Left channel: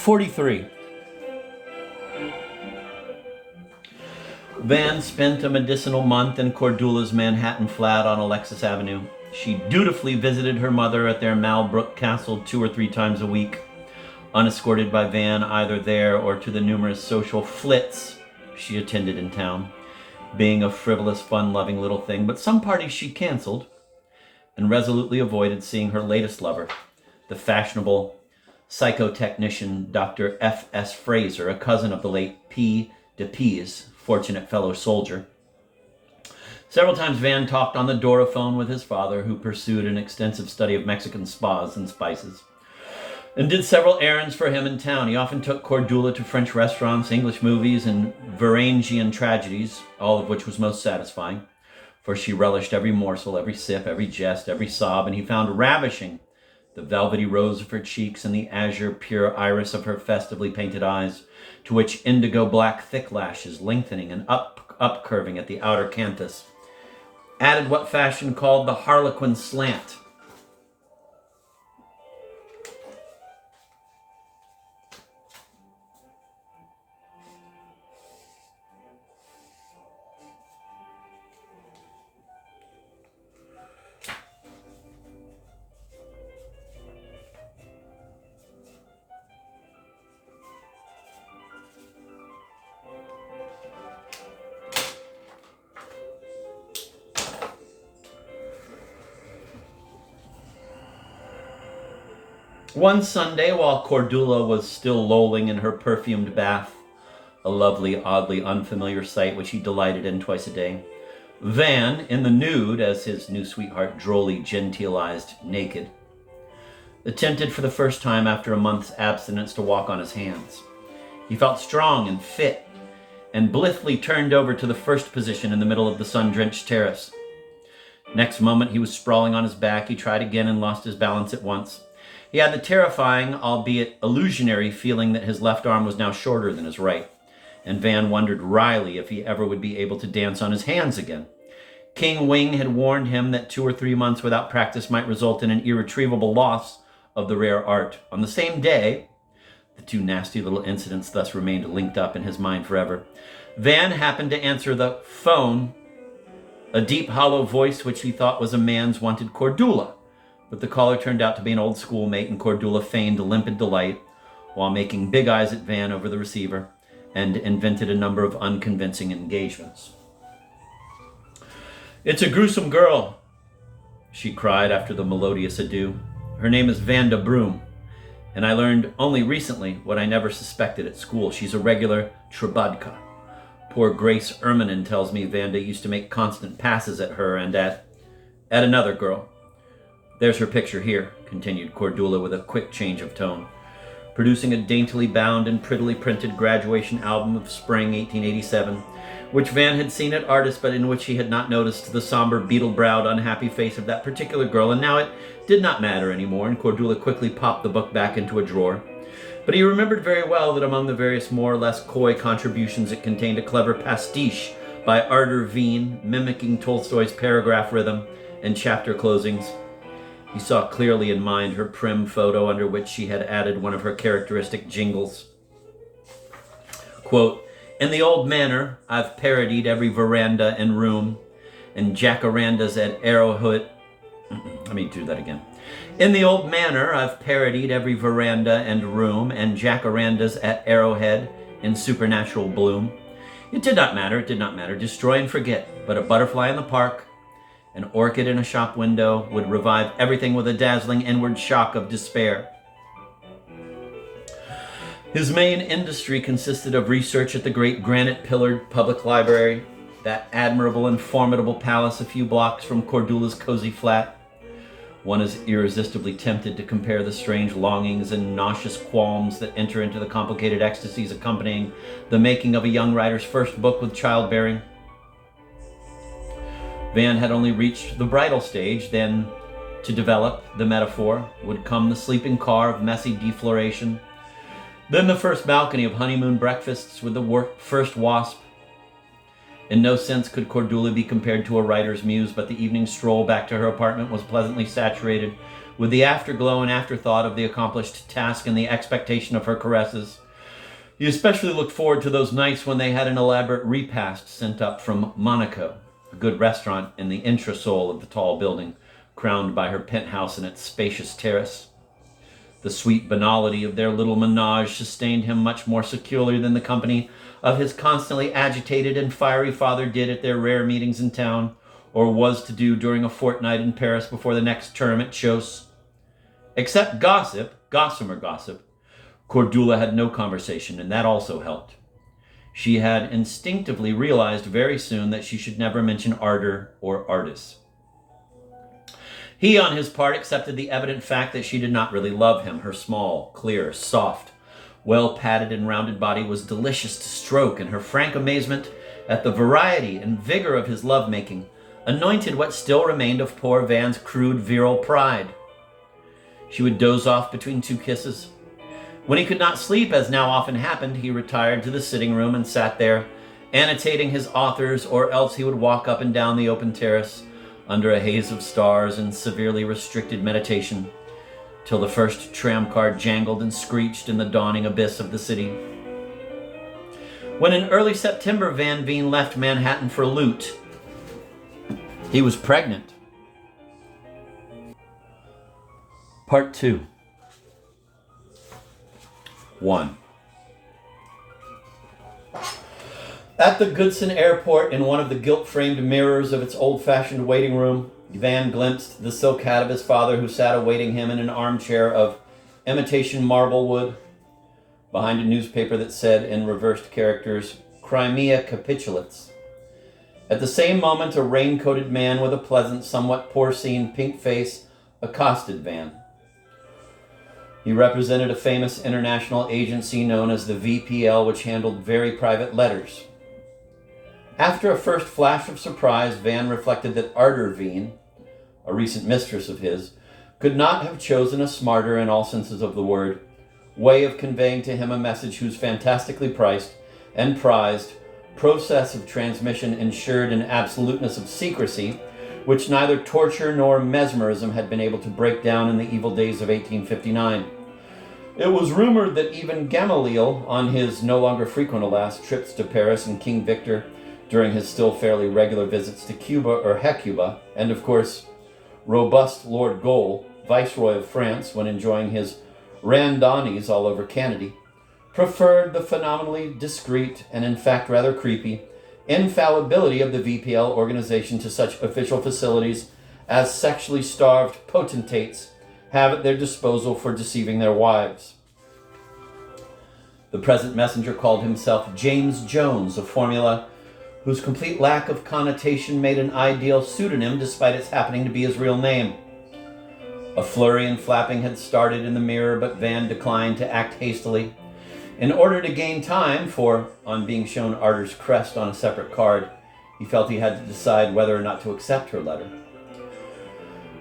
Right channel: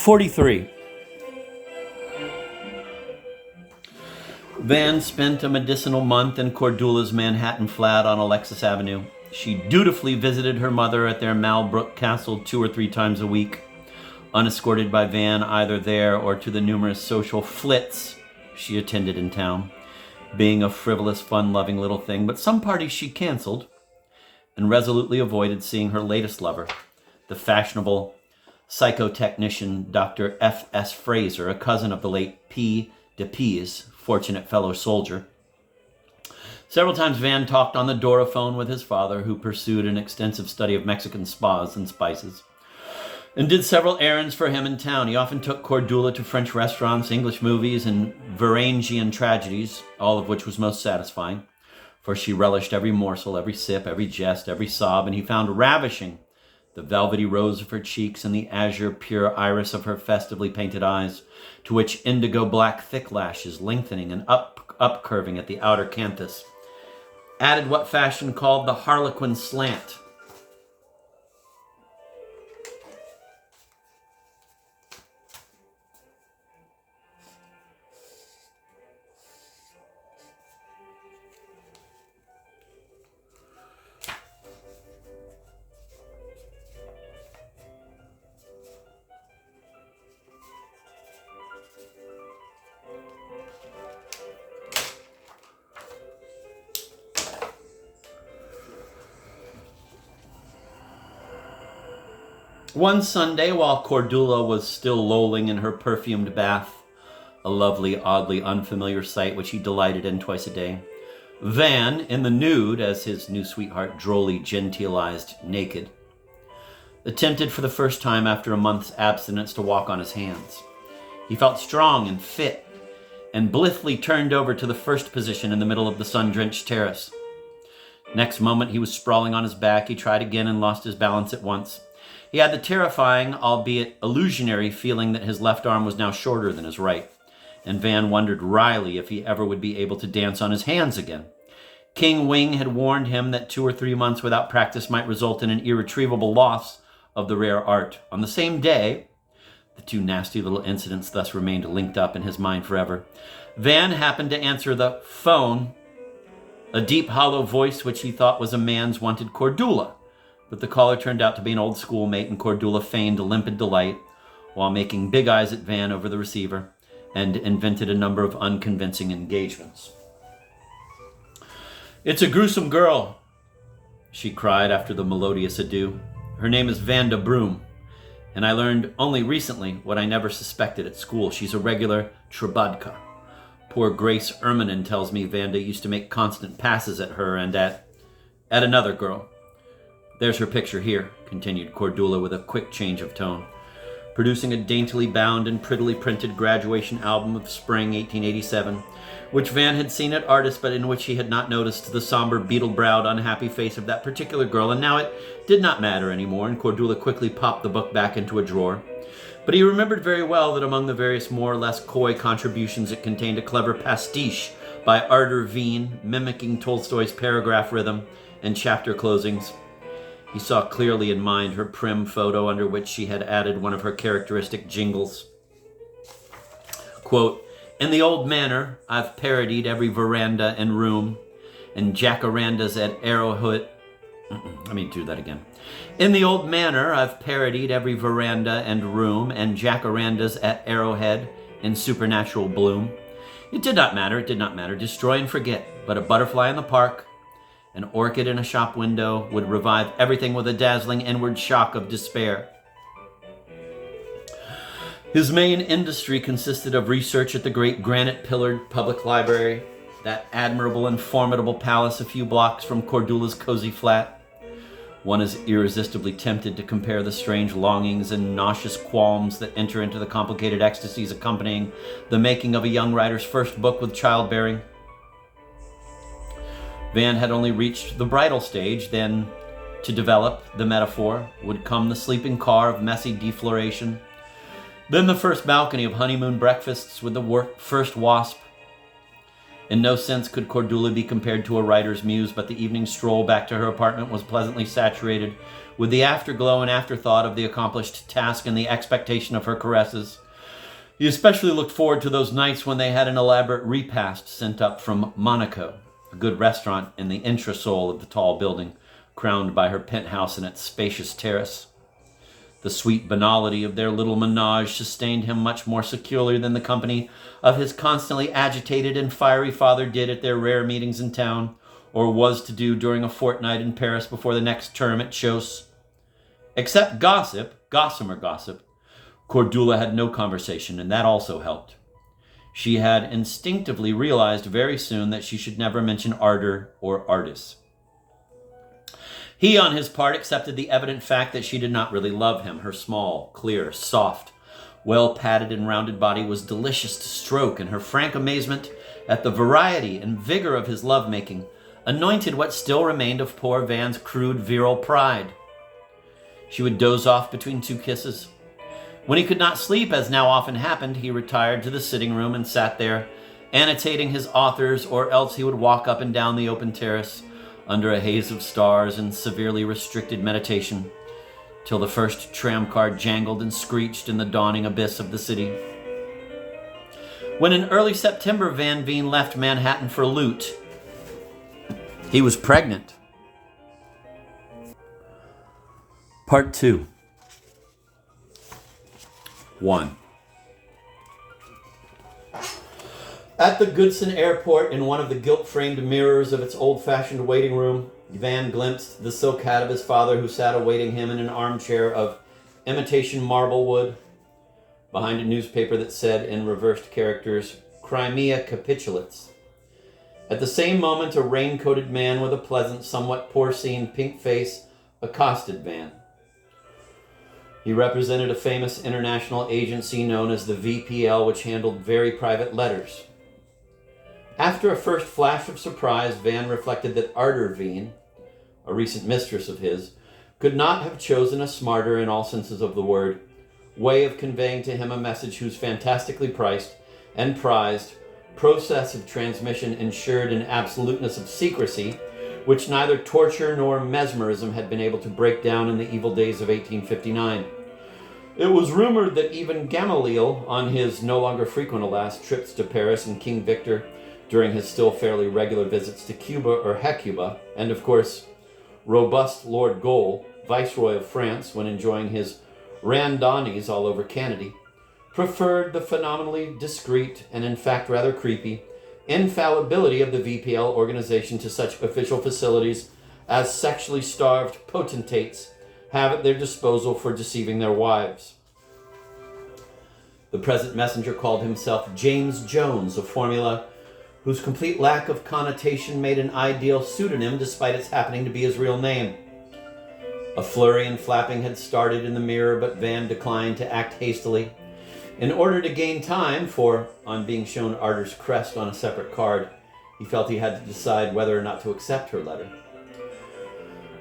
43. Van spent a medicinal month in Cordula's Manhattan flat on Alexis Avenue. She dutifully visited her mother at their Malbrook Castle 2 or 3 times a week, unescorted by Van either there or to the numerous social flits she attended in town, being a frivolous, fun-loving little thing, but some parties she canceled and resolutely avoided seeing her latest lover, the fashionable psychotechnician Dr. F.S. Fraser, a cousin of the late P. de P's, fortunate fellow soldier. Several times Van talked on the Dorophone with his father, who pursued an extensive study of Mexican spas and spices, and did several errands for him in town. He often took Cordula to French restaurants, English movies, and Varangian tragedies, all of which was most satisfying, for she relished every morsel, every sip, every jest, every sob, and he found ravishing the velvety rose of her cheeks and the azure pure iris of her festively painted eyes, to which indigo black thick lashes, lengthening and up-curving at the outer canthus, added what fashion called the harlequin slant. One Sunday, while Cordula was still lolling in her perfumed bath, a lovely, oddly unfamiliar sight which he delighted in twice a day, Van, in the nude, as his new sweetheart drolly genteelized naked, attempted for the first time after a month's abstinence to walk on his hands. He felt strong and fit, and blithely turned over to the first position in the middle of the sun-drenched terrace. Next moment he was sprawling on his back. He tried again and lost his balance at once. He had the terrifying, albeit illusionary, feeling that his left arm was now shorter than his right, and Van wondered wryly if he ever would be able to dance on his hands again. King Wing had warned him that 2 or 3 months without practice might result in an irretrievable loss of the rare art. On the same day, the 2 nasty little incidents thus remained linked up in his mind forever, Van happened to answer the phone. A deep, hollow voice which he thought was a man's wanted Cordula, but the caller turned out to be an old schoolmate, and Cordula feigned limpid delight while making big eyes at Van over the receiver, and invented a number of unconvincing engagements. "It's a gruesome girl," she cried after the melodious adieu. "Her name is Vanda Broom, and I learned only recently what I never suspected at school. She's a regular Trebudka. Poor Grace Erminen tells me Vanda used to make constant passes at her and at another girl. There's her picture here," continued Cordula with a quick change of tone, producing a daintily bound and prettily printed graduation album of spring 1887, which Van had seen at Artist, but in which he had not noticed the somber, beetle-browed, unhappy face of that particular girl, and now it did not matter anymore, and Cordula quickly popped the book back into a drawer. But he remembered very well that among the various more or less coy contributions it contained a clever pastiche by Arthur Veen, mimicking Tolstoy's paragraph rhythm and chapter closings. He saw clearly in mind her prim photo under which she had added one of her characteristic jingles. Quote, "In the old manor, I've parodied every veranda and room, and jacarandas at Arrowhead." Let me do that again. "In the old manor, I've parodied every veranda and room, and jacarandas at Arrowhead in supernatural bloom. It did not matter, destroy and forget, but a butterfly in the park, an orchid in a shop window, would revive everything with a dazzling inward shock of despair." His main industry consisted of research at the great granite-pillared public library, that admirable and formidable palace a few blocks from Cordula's cozy flat. One is irresistibly tempted to compare the strange longings and nauseous qualms that enter into the complicated ecstasies accompanying the making of a young writer's first book with childbearing. Van had only reached the bridal stage, then, to develop the metaphor, would come the sleeping car of messy defloration, then the first balcony of honeymoon breakfasts with the first wasp. In no sense could Cordula be compared to a writer's muse, but the evening stroll back to her apartment was pleasantly saturated with the afterglow and afterthought of the accomplished task and the expectation of her caresses. He especially looked forward to those nights when they had an elaborate repast sent up from Monaco, a good restaurant in the entresol of the tall building, crowned by her penthouse and its spacious terrace. The sweet banality of their little menage sustained him much more securely than the company of his constantly agitated and fiery father did at their rare meetings in town, or was to do during a fortnight in Paris before the next term at Chausse. Except gossip, gossamer gossip, Cordula had no conversation, and that also helped. She had instinctively realized very soon that she should never mention ardor or artists. He, on his part, accepted the evident fact that she did not really love him. Her small, clear, soft, well-padded and rounded body was delicious to stroke, and her frank amazement at the variety and vigor of his love-making anointed what still remained of poor Van's crude, virile pride. She would doze off between two kisses. When he could not sleep, as now often happened, he retired to the sitting room and sat there, annotating his authors, or else he would walk up and down the open terrace under a haze of stars and severely restricted meditation, till the first tram car jangled and screeched in the dawning abyss of the city. When in early September Van Veen left Manhattan for Lute, he was pregnant. Part 2. 1. At the Goodson Airport, in one of the gilt-framed mirrors of its old-fashioned waiting room, Van glimpsed the silk hat of his father, who sat awaiting him in an armchair of imitation marble wood, behind a newspaper that said in reversed characters, "Crimea Capitulates." At the same moment, a rain-coated man with a pleasant, somewhat porcine pink face accosted Van. He represented a famous international agency known as the VPL, which handled very private letters. After a first flash of surprise, Van reflected that Ardor Veen, a recent mistress of his, could not have chosen a smarter, in all senses of the word, way of conveying to him a message whose fantastically priced and prized process of transmission ensured an absoluteness of secrecy which neither torture nor mesmerism had been able to break down in the evil days of 1859. It was rumored that even Gamaliel, on his no longer frequent, alas, trips to Paris, and King Victor during his still fairly regular visits to Cuba or Hecuba, and of course, robust Lord Gaulle, Viceroy of France, when enjoying his randonnees all over Canada, preferred the phenomenally discreet and in fact rather creepy infallibility of the VPL organization to such official facilities as sexually starved potentates have at their disposal for deceiving their wives. The present messenger called himself James Jones, a formula whose complete lack of connotation made an ideal pseudonym despite its happening to be his real name. A flurry and flapping had started in the mirror, but Van declined to act hastily. In order to gain time, for, on being shown Ardor's crest on a separate card, he felt he had to decide whether or not to accept her letter.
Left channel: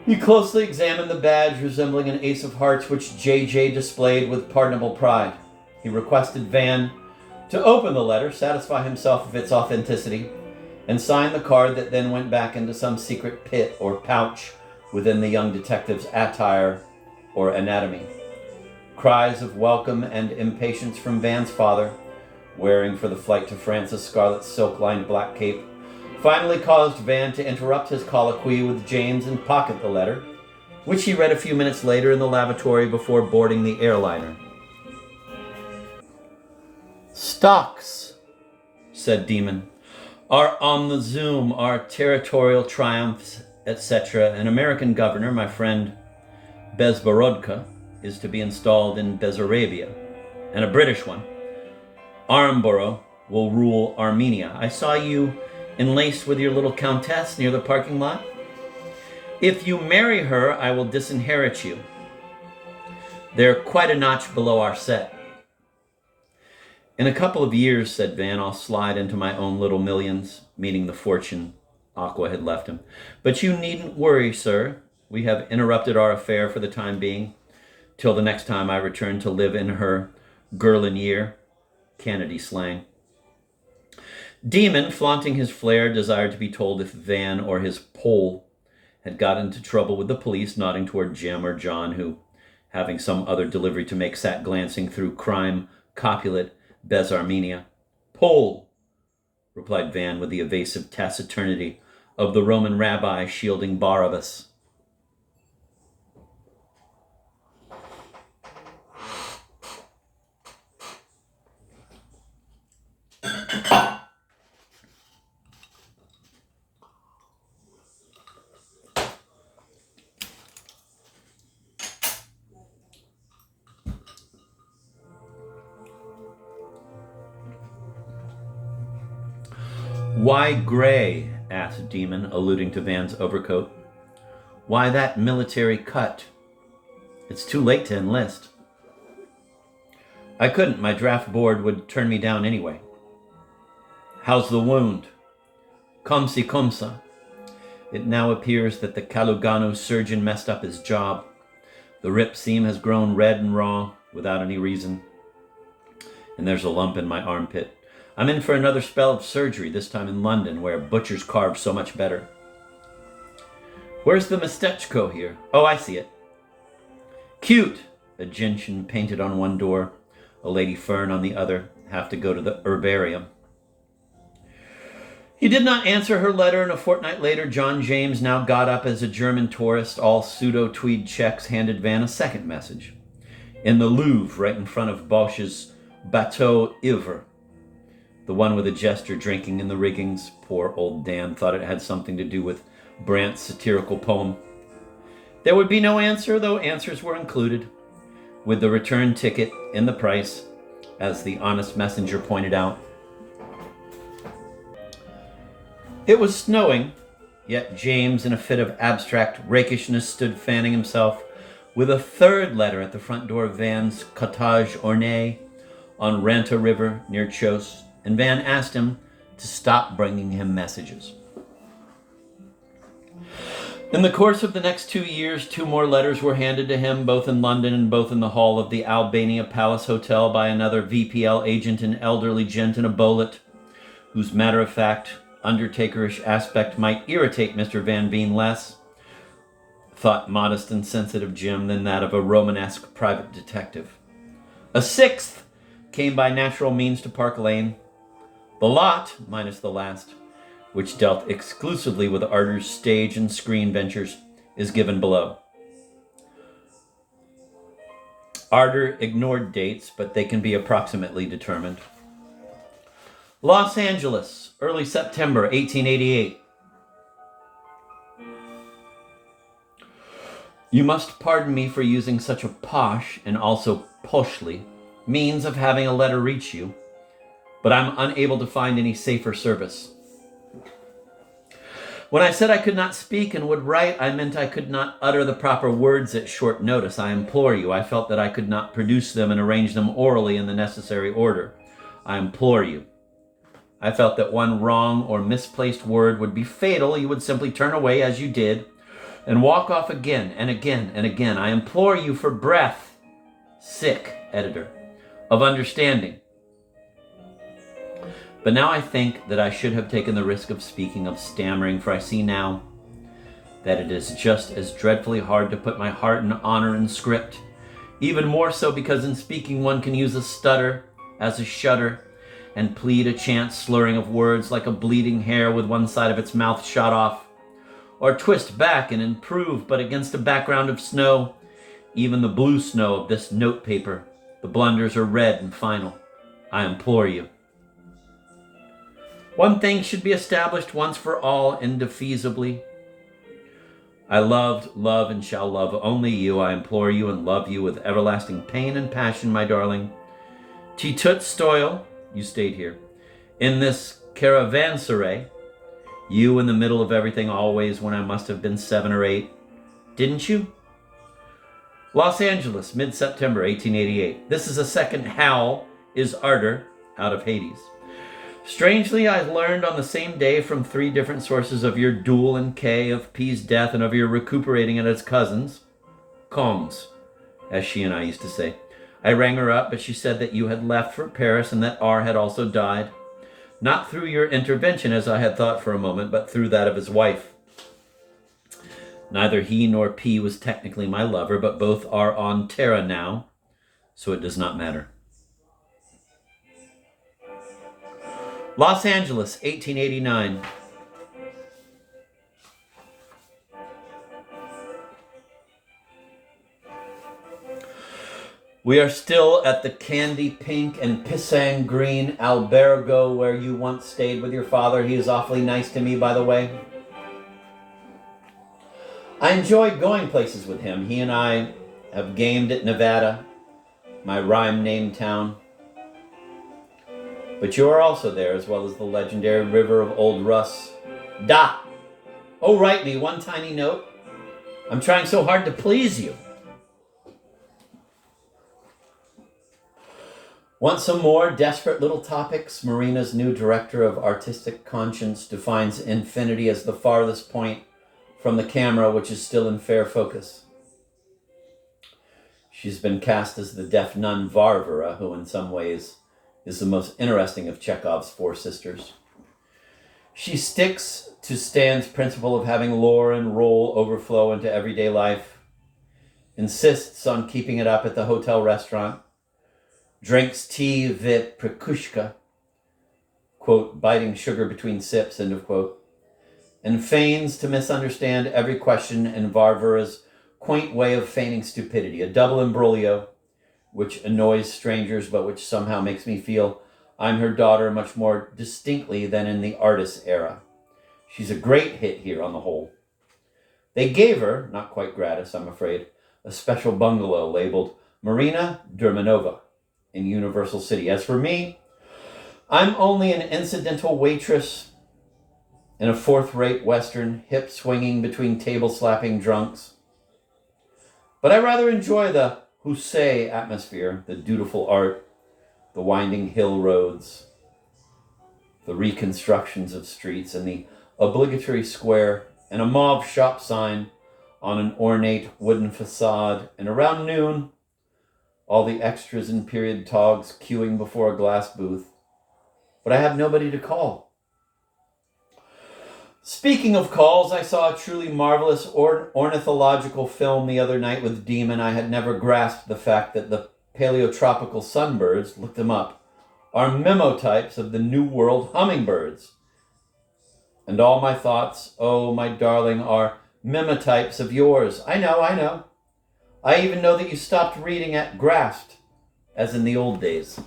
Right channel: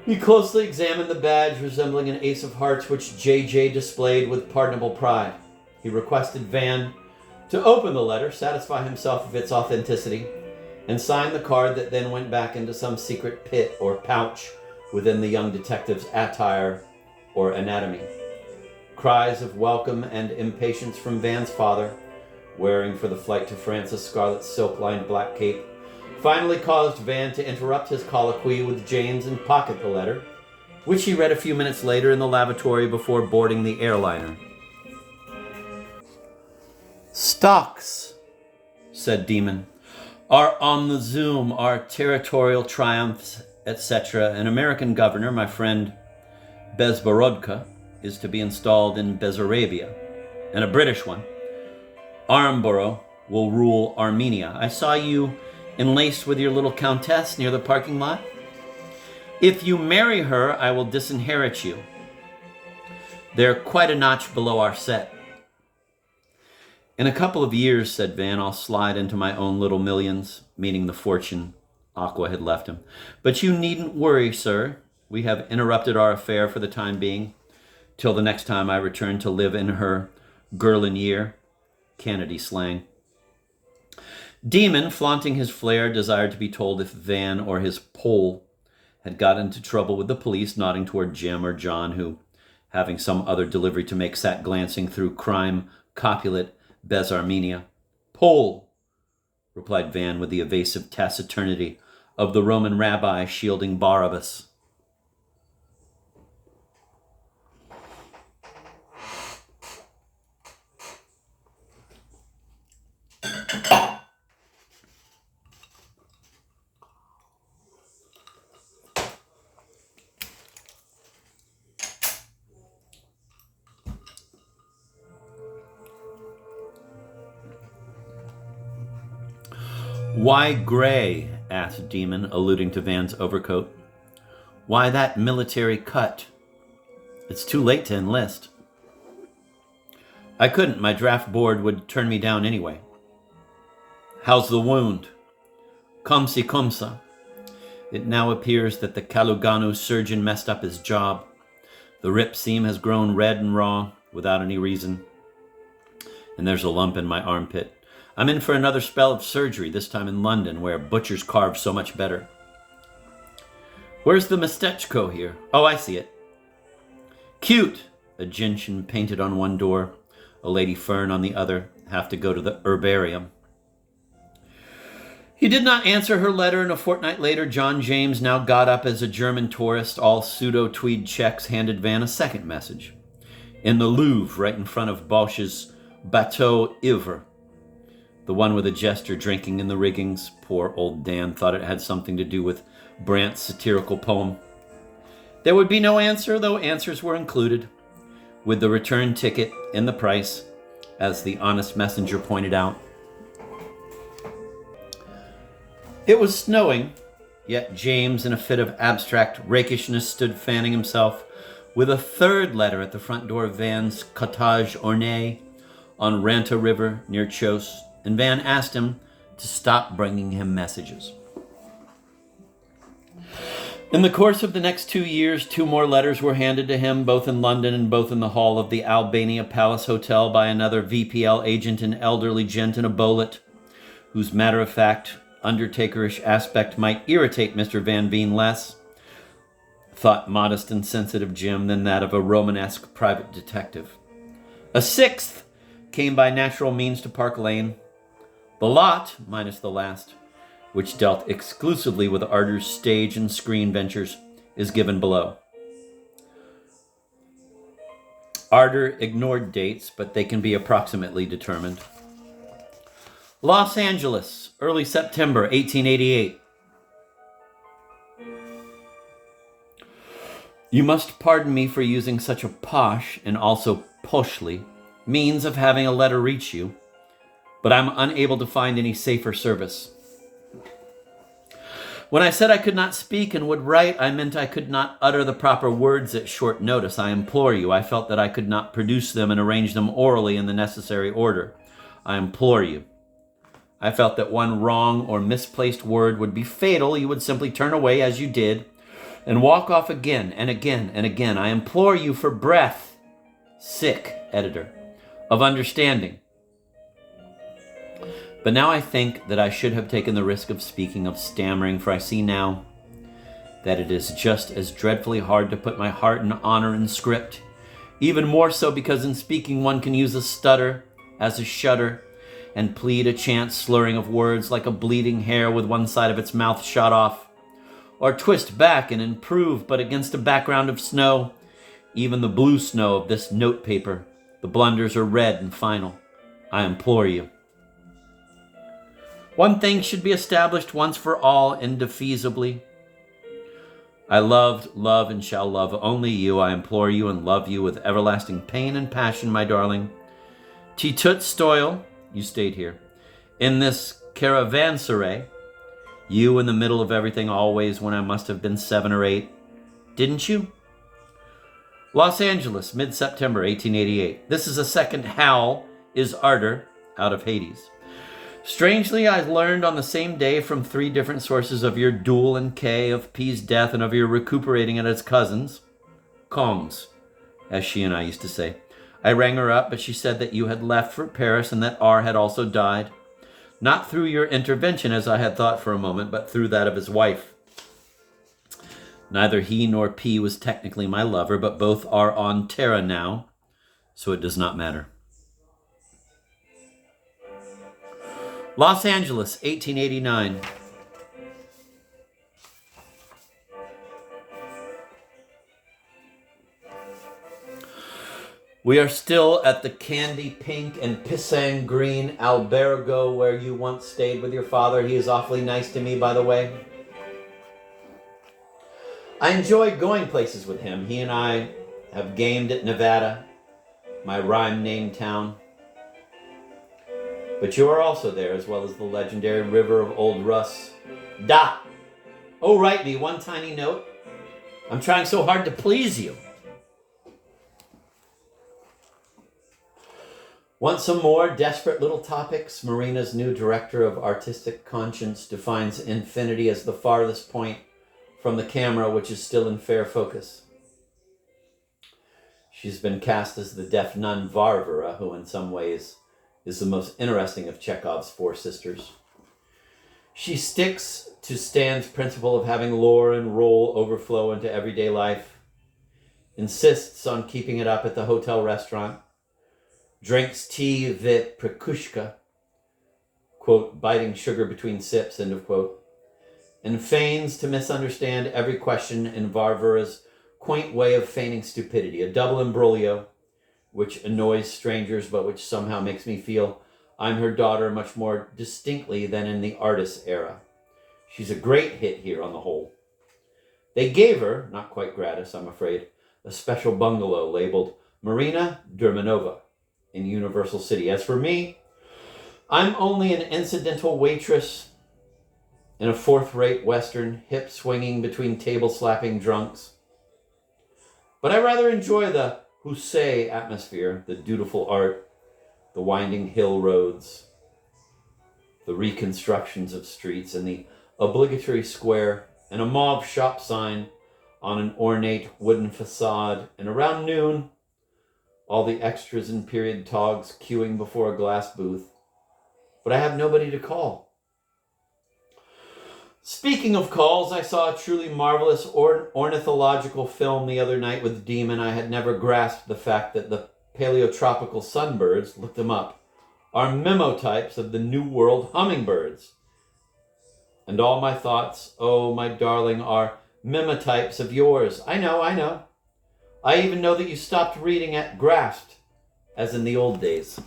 He closely examined the badge resembling an ace of hearts which J.J. displayed with pardonable pride. He requested Van to open the letter, satisfy himself of its authenticity, and sign the card that then went back into some secret pit or pouch within the young detective's attire or anatomy. Cries of welcome and impatience from Van's father, wearing for the flight to France a scarlet silk-lined black cape, finally caused Van to interrupt his colloquy with James and pocket the letter, which he read a few minutes later in the lavatory before boarding the airliner. "Stocks," said Demon, "are on the zoom, our territorial triumphs, etc. An American governor, my friend Bezborodka, is to be installed in Bessarabia, and a British one, Armborough, will rule Armenia. I saw you enlaced with your little countess near the parking lot. If you marry her, I will disinherit you. They're quite a notch below our set." "In a couple of years," said Van, "I'll slide into my own little millions," meaning the fortune Aqua had left him. "But you needn't worry, sir. We have interrupted our affair for the time being, till the next time I return to live in her Gerlin year," Kennedy slang. Demon, flaunting his flair, desired to be told if Van or his Pole had got into trouble with the police, nodding toward Jim or John, who, having some other delivery to make, sat glancing through crime copulate Bezarmenia. Pole, replied Van with the evasive taciturnity of the Roman rabbi shielding Barabbas. Why gray? Asked Demon, alluding to Van's overcoat. Why that military cut? It's too late to enlist. I couldn't. My draft board would turn me down anyway. How's the wound? Comme si comme ça. It now appears that the Kalugano surgeon messed up his job. The rip seam has grown red and raw without any reason. And there's a lump in my armpit. I'm in for another spell of surgery, this time in London, where butchers carve so much better. Where's the mestechko here? Oh, I see it. Cute! A gentian painted on one door, a lady fern on the other. Have to go to the herbarium. He did not answer her letter, and a fortnight later, John James, now got up as a German tourist, all pseudo-tweed checks, handed Van a second message. In the Louvre, right in front of Bosch's Bateau Ivre. The one with a jester drinking in the riggings. Poor old Dan thought it had something to do with Brandt's satirical poem. There would be no answer, though answers were included, with the return ticket in the price, as the honest messenger pointed out. It was snowing, yet James, in a fit of abstract rakishness, stood fanning himself with a third letter at the front door of Van's cottage ornée on Ranta River near Chos, and Van asked him to stop bringing him messages. In the course of the next 2 years, 2 more letters were handed to him, both in London and both in the hall of the Albania Palace Hotel by another VPL agent, an elderly gent in a bowlet, whose matter-of-fact, undertakerish aspect might irritate Mr. Van Veen less, thought modest and sensitive Jim, than that of a Romanesque private detective. A 6th came by natural means to Park Lane. The lot, minus the last, which dealt exclusively with Arter's stage and screen ventures, is given below. Arter ignored dates, but they can be approximately determined. Los Angeles, early September 1888. You must pardon me for using such a posh and also poshly means of having a letter reach you, but I'm unable to find any safer service. When I said I could not speak and would write, I meant I could not utter the proper words at short notice. I implore you. I felt that I could not produce them and arrange them orally in the necessary order. I implore you. I felt that one wrong or misplaced word would be fatal. You would simply turn away as you did and walk off again and again and again. I implore you for breath, sick editor, of understanding. But now I think that I should have taken the risk of speaking, of stammering, for I see now that it is just as dreadfully hard to put my heart and honor in script, even more so because in speaking one can use a stutter as a shudder and plead a chance slurring of words like a bleeding hare with one side of its mouth shot off, or twist back and improve, but against a background of snow, even the blue snow of this note paper, the blunders are red and final. I implore you. One thing should be established once for all, indefeasibly. I loved, love, and shall love only you. I implore you and love you with everlasting pain and passion, my darling. Ti tut stoil, you stayed here, in this caravanserai, you in the middle of everything always when I must have been 7 or 8. Didn't you? Los Angeles, mid-September 1888. This is a second Hal is Arter out of Hades. Strangely, I learned on the same day from 3 different sources of your duel and K, of P's death, and of your recuperating at its cousins, Kong's, as she and I used to say. I rang her up, but she said that you had left for Paris and that R had also died. Not through your intervention, as I had thought for a moment, but through that of his wife. Neither he nor P was technically my lover, but both are on Terra now, so it does not matter. Los Angeles, 1889. We are still at the candy pink and pisang green albergo where you once stayed with your father. He is awfully nice to me, by the way. I enjoy going places with him. He and I have gamed at Nevada, my rhyme name town. But you are also there, as well as the legendary river of Old Russ. Da! Oh, write me one tiny note. I'm trying so hard to please you. Want some more desperate little topics? Marina's new director of artistic conscience defines infinity as the farthest point from the camera, which is still in fair focus. She's been cast as the deaf nun Varvara, who in some ways is the most interesting of Chekhov's four sisters. She sticks to Stan's principle of having lore and role overflow into everyday life, insists on keeping it up at the hotel restaurant, drinks tea vit prekushka, quote, biting sugar between sips, end of quote, and feigns to misunderstand every question in Varvara's quaint way of feigning stupidity, a double imbroglio which annoys strangers but which somehow makes me feel I'm her daughter much more distinctly than in the artist era. She's a great hit here on the whole. They gave her, not quite gratis, I'm afraid, a special bungalow labeled Marina Dermanova in Universal City. As for me, I'm only an incidental waitress in a fourth-rate Western, hip swinging between table-slapping drunks. But I rather enjoy the Hussein atmosphere, the dutiful art, the winding hill roads, the reconstructions of streets, and the obligatory square, and a mauve shop sign on an ornate wooden facade, and around noon, all the extras and period togs queuing before a glass booth. But I have nobody to call. Speaking of calls, I saw a truly marvelous ornithological film the other night with Demon. I had never grasped the fact that the paleotropical sunbirds, look them up, are memotypes of the New World hummingbirds. And all my thoughts, oh, my darling, are memotypes of yours. I know. I even know that you stopped reading at Grasped, as in the old days.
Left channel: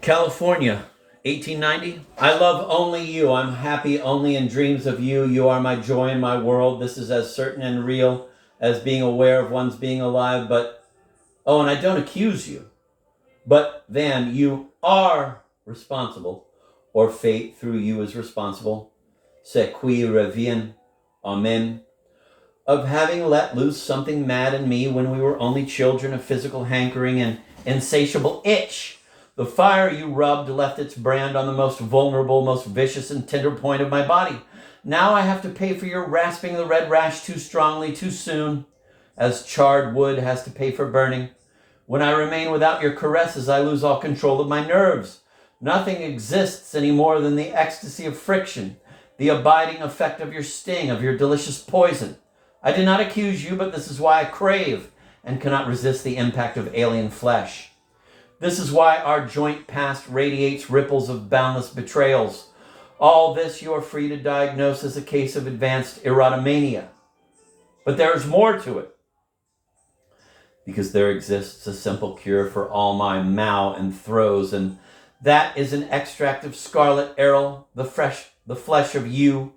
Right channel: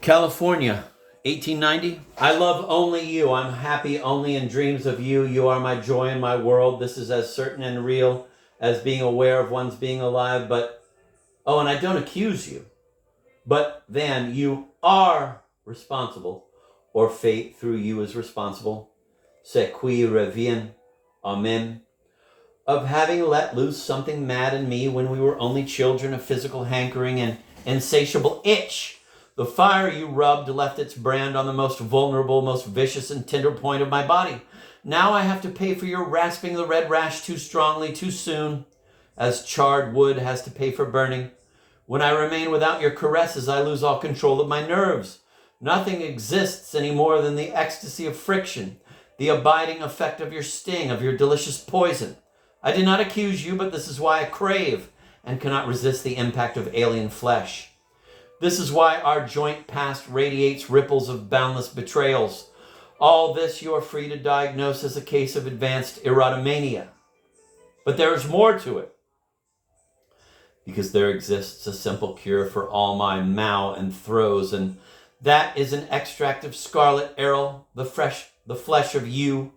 California, 1890. I love only you. I'm happy only in dreams of you. You are my joy in my world. This is as certain and real as being aware of one's being alive. But, oh, and I don't accuse you. But, Van, you are responsible, or fate through you is responsible. Ce qui revient, amen. Of having let loose something mad in me when we were only children of physical hankering and insatiable itch. The fire you rubbed left its brand on the most vulnerable, most vicious and tender point of my body. Now I have to pay for your rasping the red rash too strongly, too soon, as charred wood has to pay for burning. When I remain without your caresses, I lose all control of my nerves. Nothing exists any more than the ecstasy of friction, the abiding effect of your sting, of your delicious poison. I did not accuse you, but this is why I crave and cannot resist the impact of alien flesh. This is why our joint past radiates ripples of boundless betrayals. All this you are free to diagnose as a case of advanced erotomania. But there is more to it. Because there exists a simple cure for all my mow and throws, and that is an extract of scarlet aril, the flesh of you,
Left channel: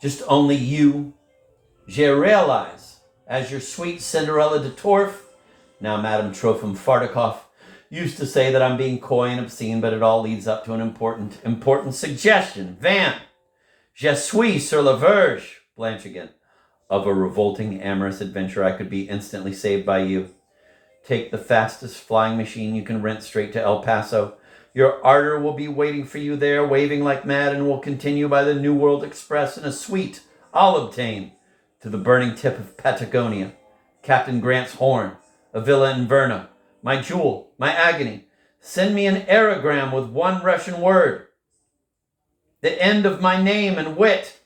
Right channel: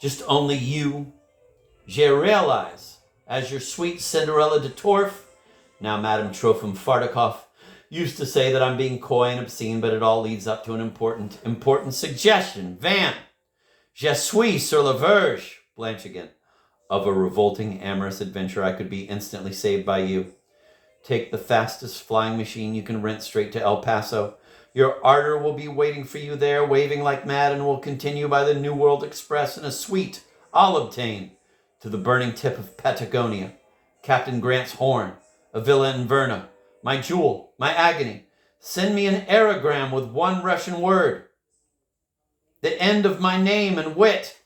just only you. Je realize, as your sweet Cinderella de Torf, now Madame Trofim Fardakov, used to say that I'm being coy and obscene, but it all leads up to an important suggestion. Van, je suis sur la verge, Blanche again, of a revolting amorous adventure. I could be instantly saved by you. Take the fastest flying machine you can rent straight to El Paso. Your ardor will be waiting for you there, waving like mad, and will continue by the New World Express in a suite I'll obtain to the burning tip of Patagonia, Captain Grant's horn, a villa in Verna, my jewel, my agony. Send me an aerogram with one Russian word. the end of my name and wit.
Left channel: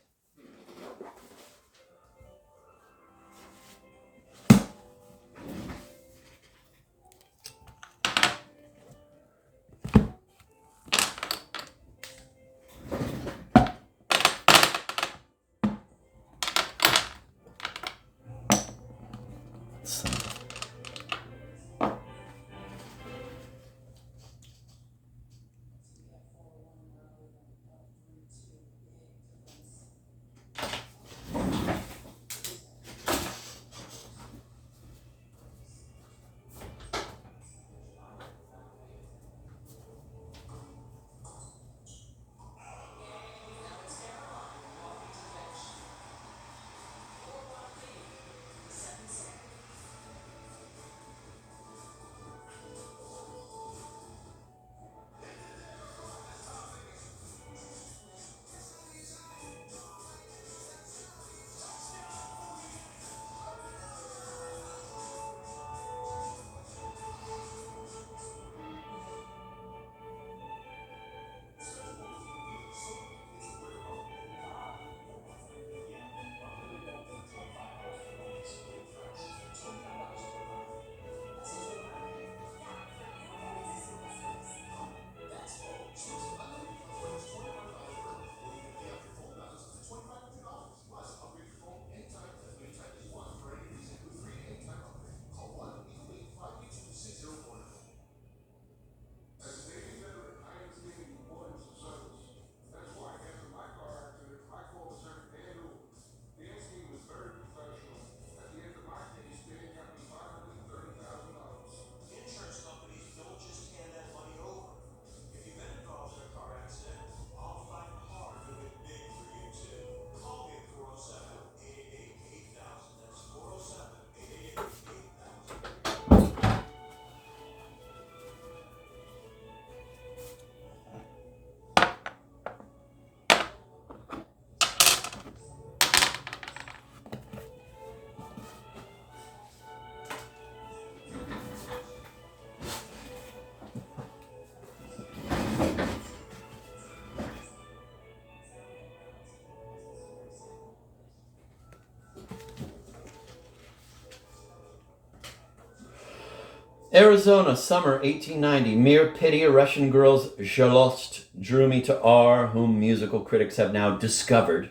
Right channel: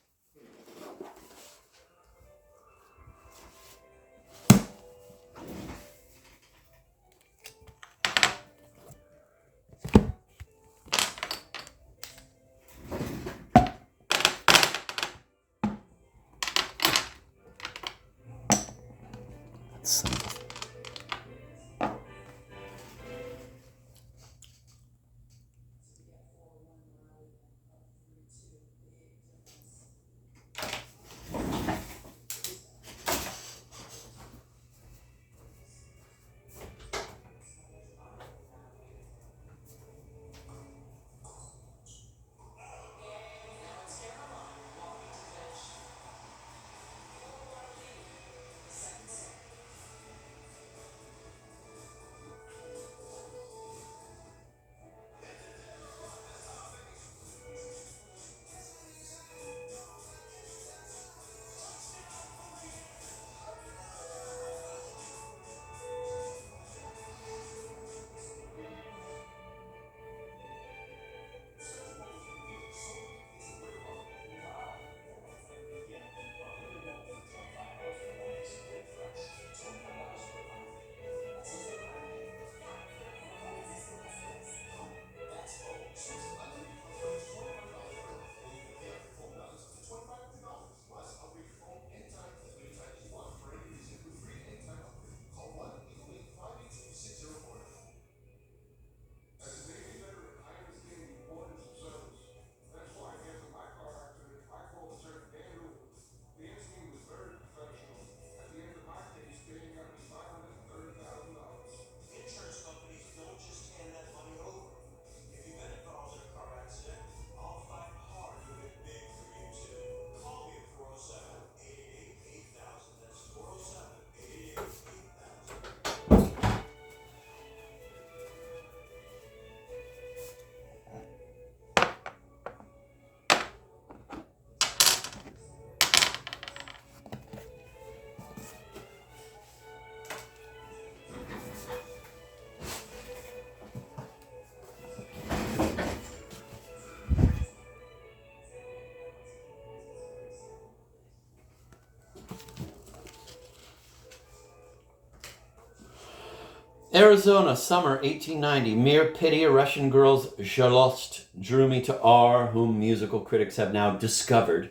Arizona, summer 1890. Mere pity, a Russian girl's Zhalost drew me to R, whom musical critics have now discovered.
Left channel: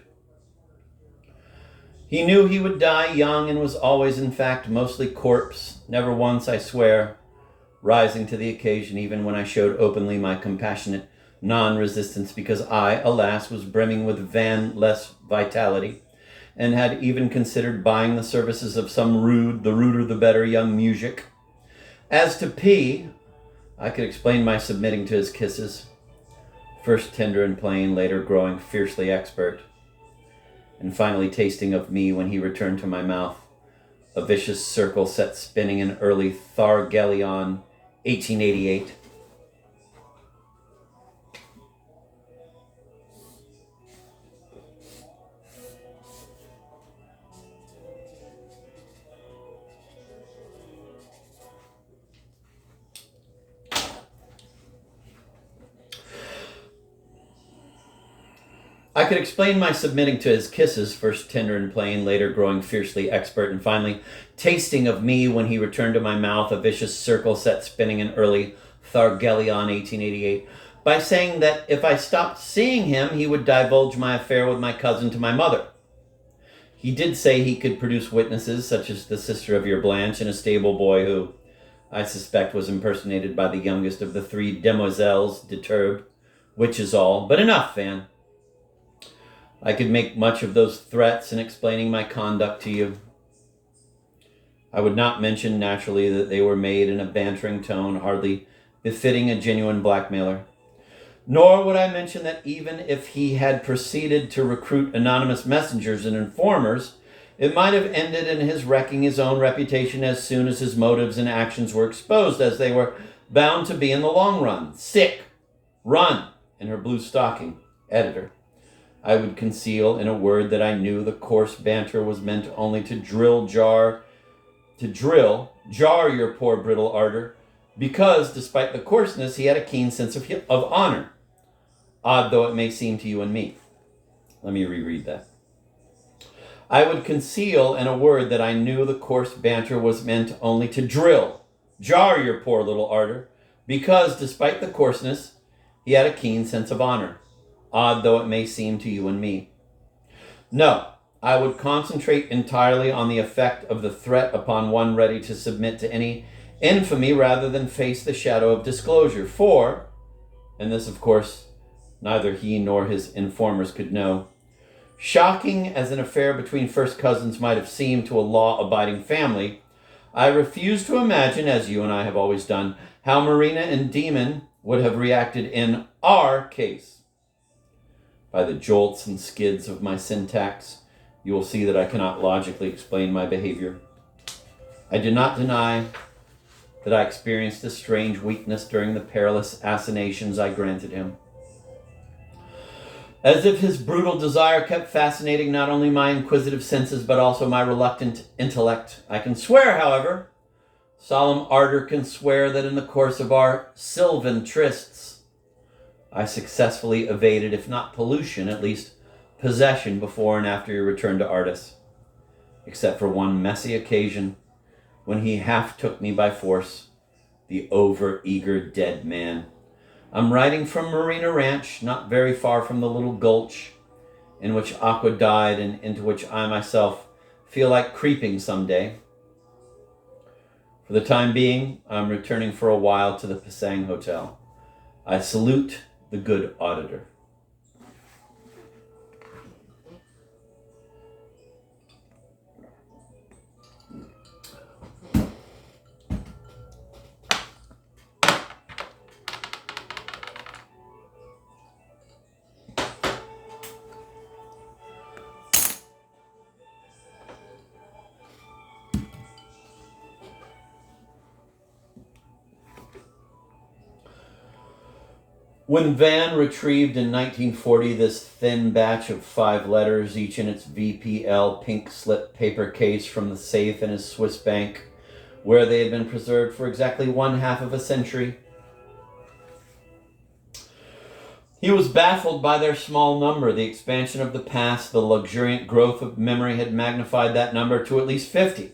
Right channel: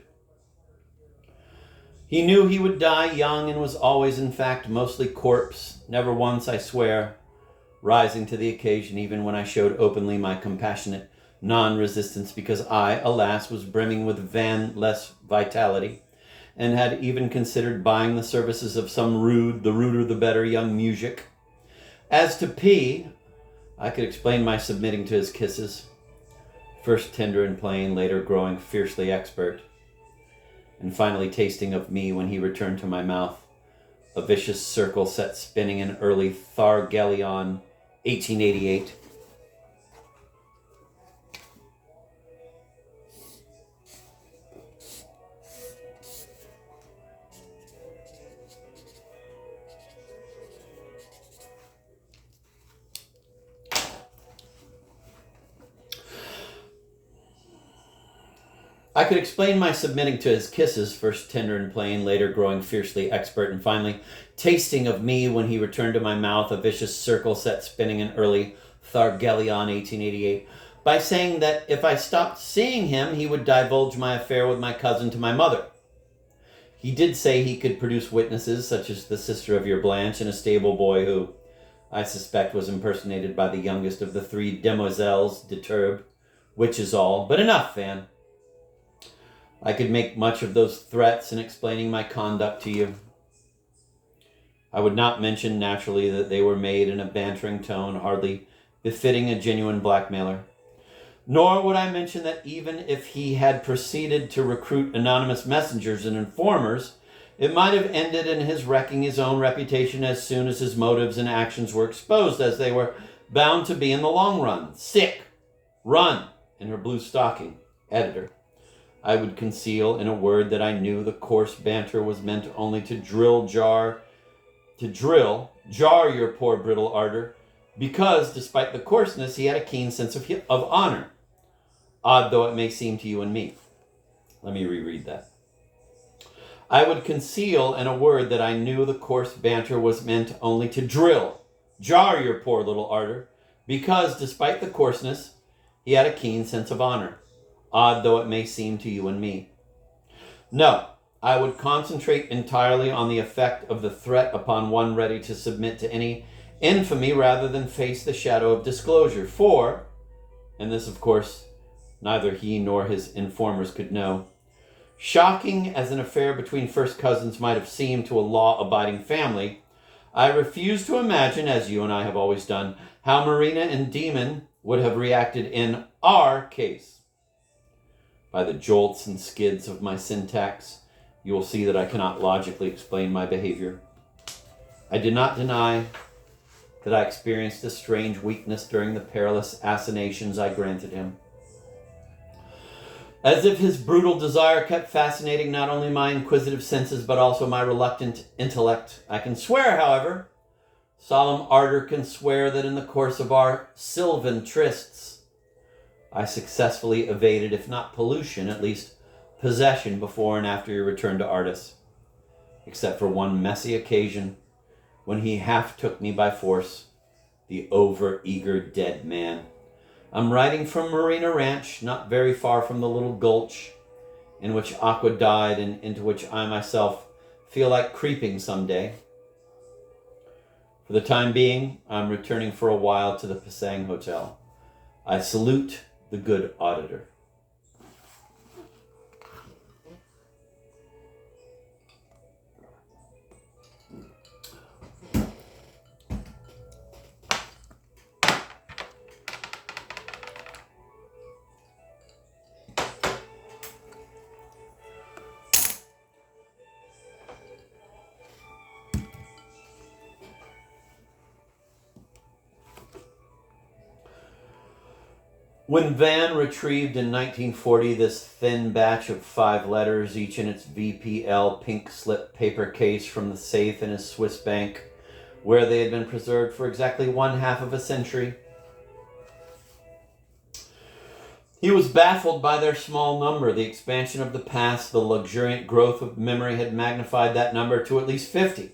He knew he would die young and was always, in fact, mostly corpse, never once, I swear, rising to the occasion even when I showed openly my compassionate non-resistance because I, alas, was brimming with van-less vitality and had even considered buying the services of some rude, the ruder the better, young muzhik. As to P, I could explain my submitting to his kisses, first tender and plain, later growing fiercely expert, and finally tasting of me when he returned to my mouth, a vicious circle set spinning in early Thargelion 1888. I could explain my submitting to his kisses, first tender and plain, later growing fiercely expert, and finally tasting of me when he returned to my mouth, a vicious circle set spinning in early Thargelion 1888, by saying that if I stopped seeing him, he would divulge my affair with my cousin to my mother. He did say he could produce witnesses, such as the sister of your Blanche and a stable boy who, I suspect, was impersonated by the youngest of the three demoiselles de which is all. But enough, Van. I could make much of those threats in explaining my conduct to you. I would not mention, naturally, that they were made in a bantering tone hardly befitting a genuine blackmailer. Nor would I mention that even if he had proceeded to recruit anonymous messengers and informers, it might have ended in his wrecking his own reputation as soon as his motives and actions were exposed, as they were bound to be in the long run. Sick. Run. In her blue stocking. Editor. I would conceal, in a word, that I knew the coarse banter was meant only to jar your poor brittle ardor, because, despite the coarseness, he had a keen sense of honor. odd though it may seem to you and me. Let me reread that. I would conceal in a word that I knew the coarse banter was meant only to jar your poor little ardor, because, despite the coarseness, he had a keen sense of honor, odd though it may seem to you and me. No, I would concentrate entirely on the effect of the threat upon one ready to submit to any infamy rather than face the shadow of disclosure. For, and this of course neither he nor his informers could know, shocking as an affair between first cousins might have seemed to a law-abiding family, I refuse to imagine, as you and I have always done, how Marina and Demon would have reacted in our case. By the jolts and skids of my syntax, you will see that I cannot logically explain my behavior. I did not deny that I experienced a strange weakness during the perilous assignations I granted him. As if his brutal desire kept fascinating not only my inquisitive senses, but also my reluctant intellect. I can swear, however, solemn ardor can swear, that in the course of our sylvan trysts, I successfully evaded, if not pollution, at least possession before and after your return to Artis, except for one messy occasion when he half took me by force, the over-eager dead man. I'm writing from Marina Ranch, not very far from the little gulch in which Aqua died and into which I myself feel like creeping someday. For the time being, I'm returning for a while to the Pasang Hotel. I salute the good auditor. When Van retrieved in 1940 this thin batch of 5 letters, each in its VPL pink slip paper case from the safe in his Swiss bank, where they had been preserved for exactly 1/2 of a century, he was baffled by their small number. The expansion of the past, the luxuriant growth of memory had magnified that number to at least 50.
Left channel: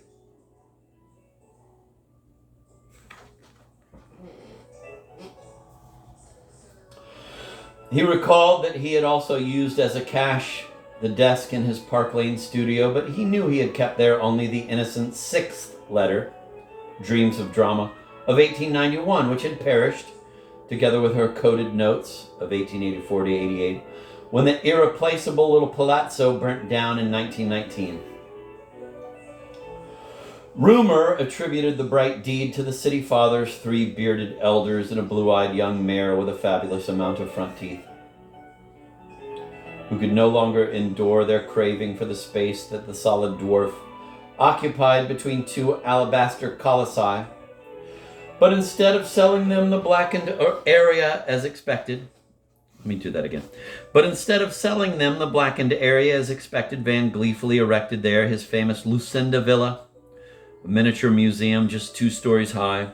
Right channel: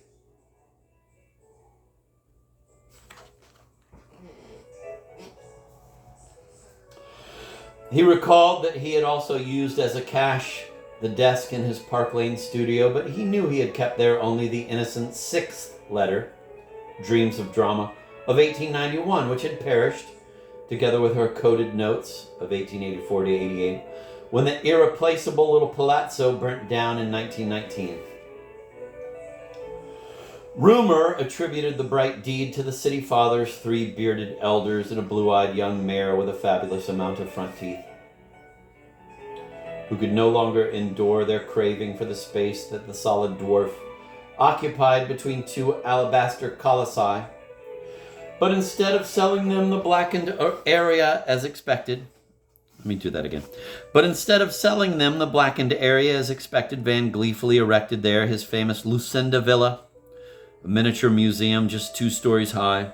He recalled that he had also used as a cache the desk in his Park Lane studio, but he knew he had kept there only the innocent 6th letter, Dreams of Drama, of 1891, which had perished, together with her coded notes of 1884 to 88, when the irreplaceable little palazzo burnt down in 1919. Rumor attributed the bright deed to the city fathers, 3 bearded elders, and a blue-eyed young mare with a fabulous amount of front teeth, who could no longer endure their craving for the space that the solid dwarf occupied between 2 alabaster colossi. But instead of selling them the blackened area as expected, But instead of selling them the blackened area as expected, Van gleefully erected there his famous Lucinda Villa, a miniature museum just 2 stories high,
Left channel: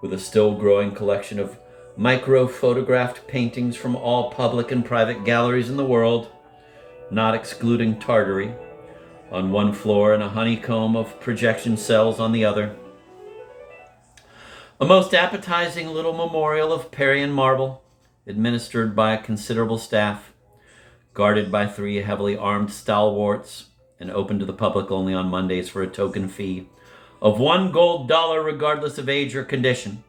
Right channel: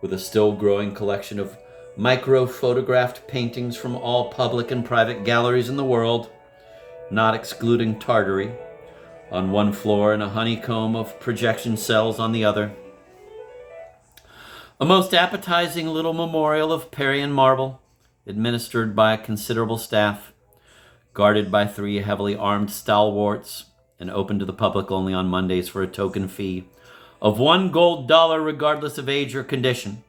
with a still-growing collection of micro-photographed paintings from all public and private galleries in the world, not excluding Tartary, on one floor and a honeycomb of projection cells on the other. A most appetizing little memorial of Parian marble, administered by a considerable staff, guarded by 3 heavily armed stalwarts, and open to the public only on Mondays for a token fee of $1 gold regardless of age or condition.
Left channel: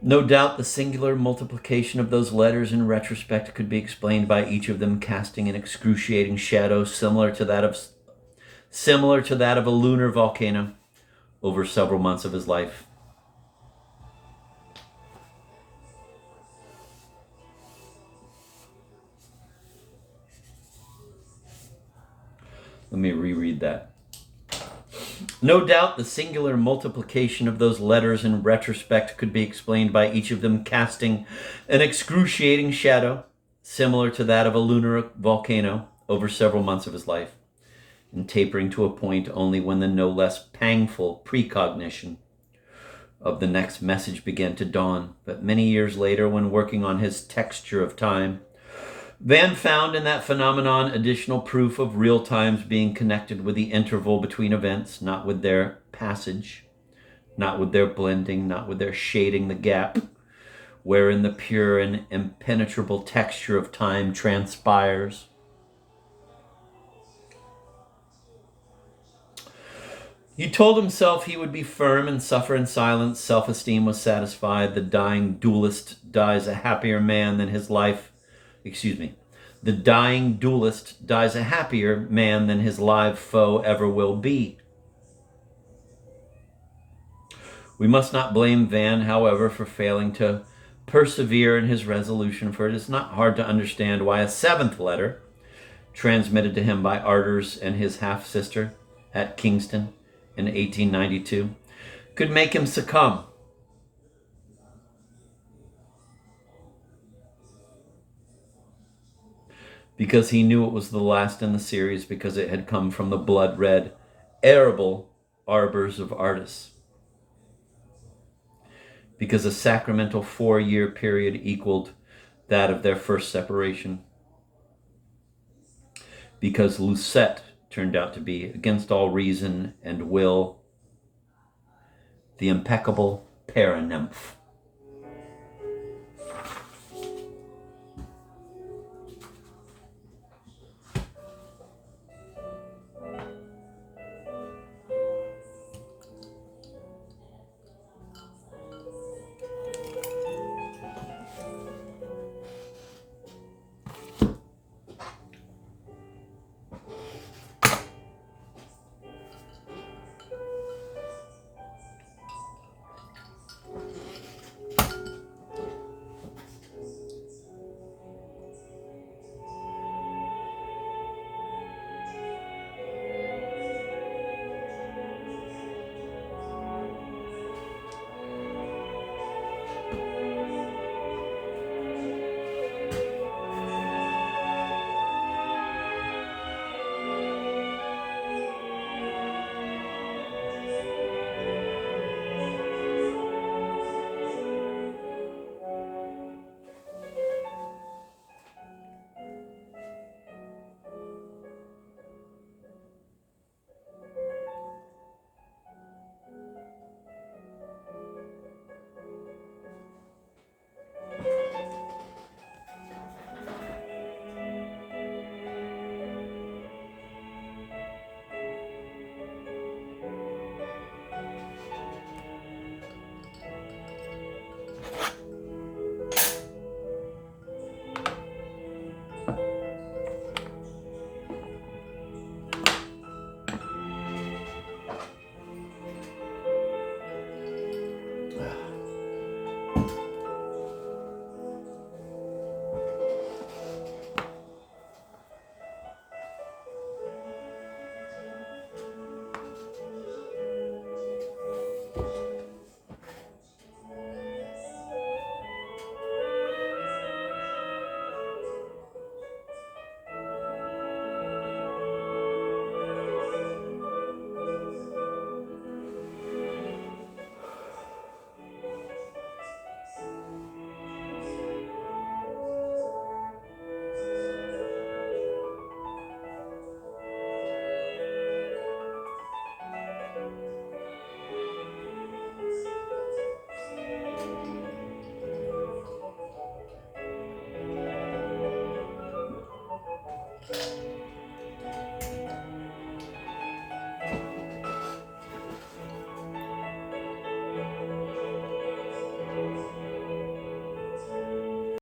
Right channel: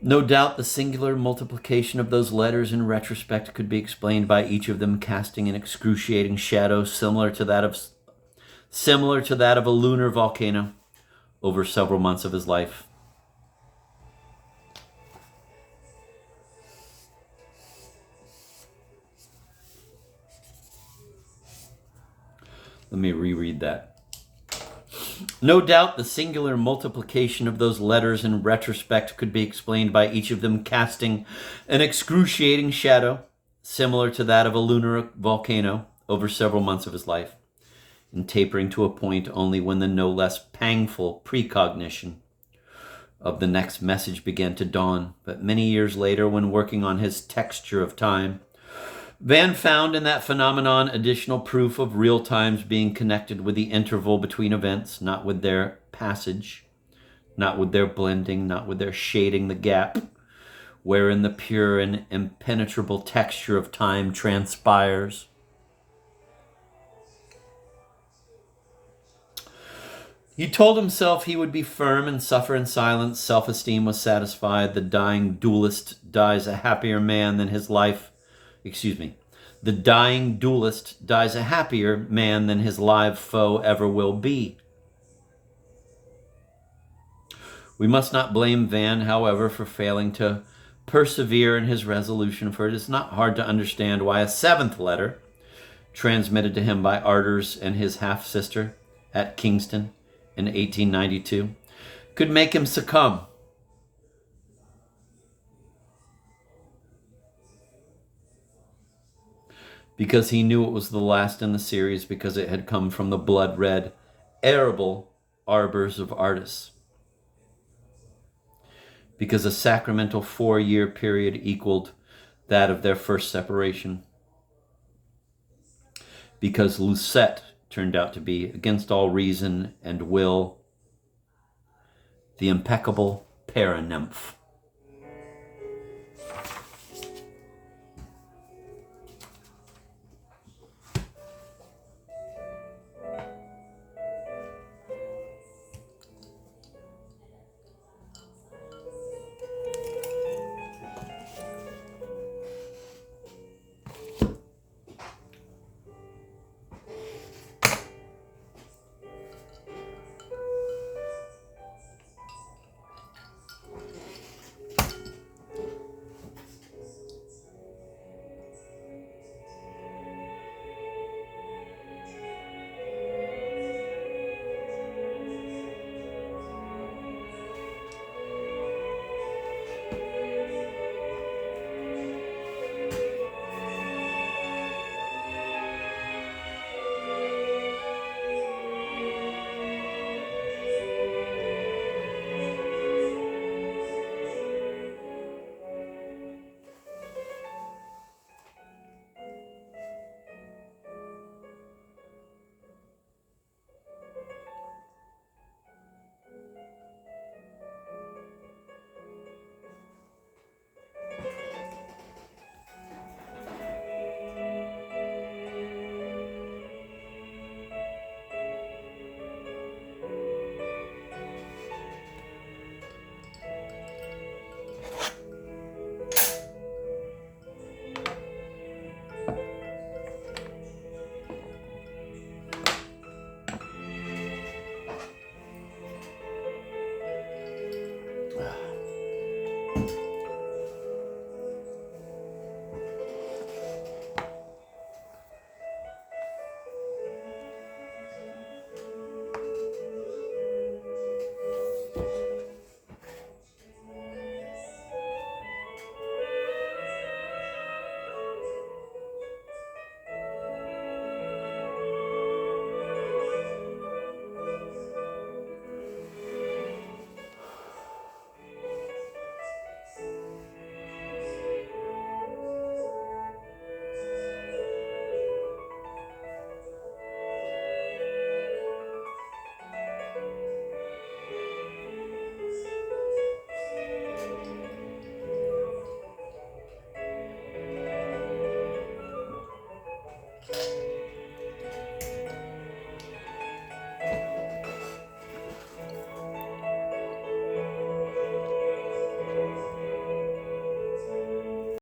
No doubt the singular multiplication of those letters in retrospect could be explained by each of them casting an excruciating shadow similar to that of a lunar volcano over several months of his life. Let me reread that. No doubt the singular multiplication of those letters in retrospect could be explained by each of them casting an excruciating shadow, similar to that of a lunar volcano, over several months of his life, and tapering to a point only when the no less pangful precognition of the next message began to dawn. But many years later, when working on his Texture of Time, Van found in that phenomenon additional proof of real times being connected with the interval between events, not with their passage, not with their blending, not with their shading the gap, wherein the pure and impenetrable texture of time transpires. He told himself he would be firm and suffer in silence. Self-esteem was satisfied. The dying duelist dies a happier man than his life. The dying duelist dies a happier man than his live foe ever will be. We must not blame Van, however, for failing to persevere in his resolution, for it is not hard to understand why a seventh letter, transmitted to him by Arders and his half-sister at Kingston in 1892, could make him succumb. Because he knew it was the last in the series, because it had come from the blood-red, arable arbors of Ardus. Because a sacramental 4-year period equaled that of their first separation. Because Lucette turned out to be, against all reason and will, the impeccable paranymph.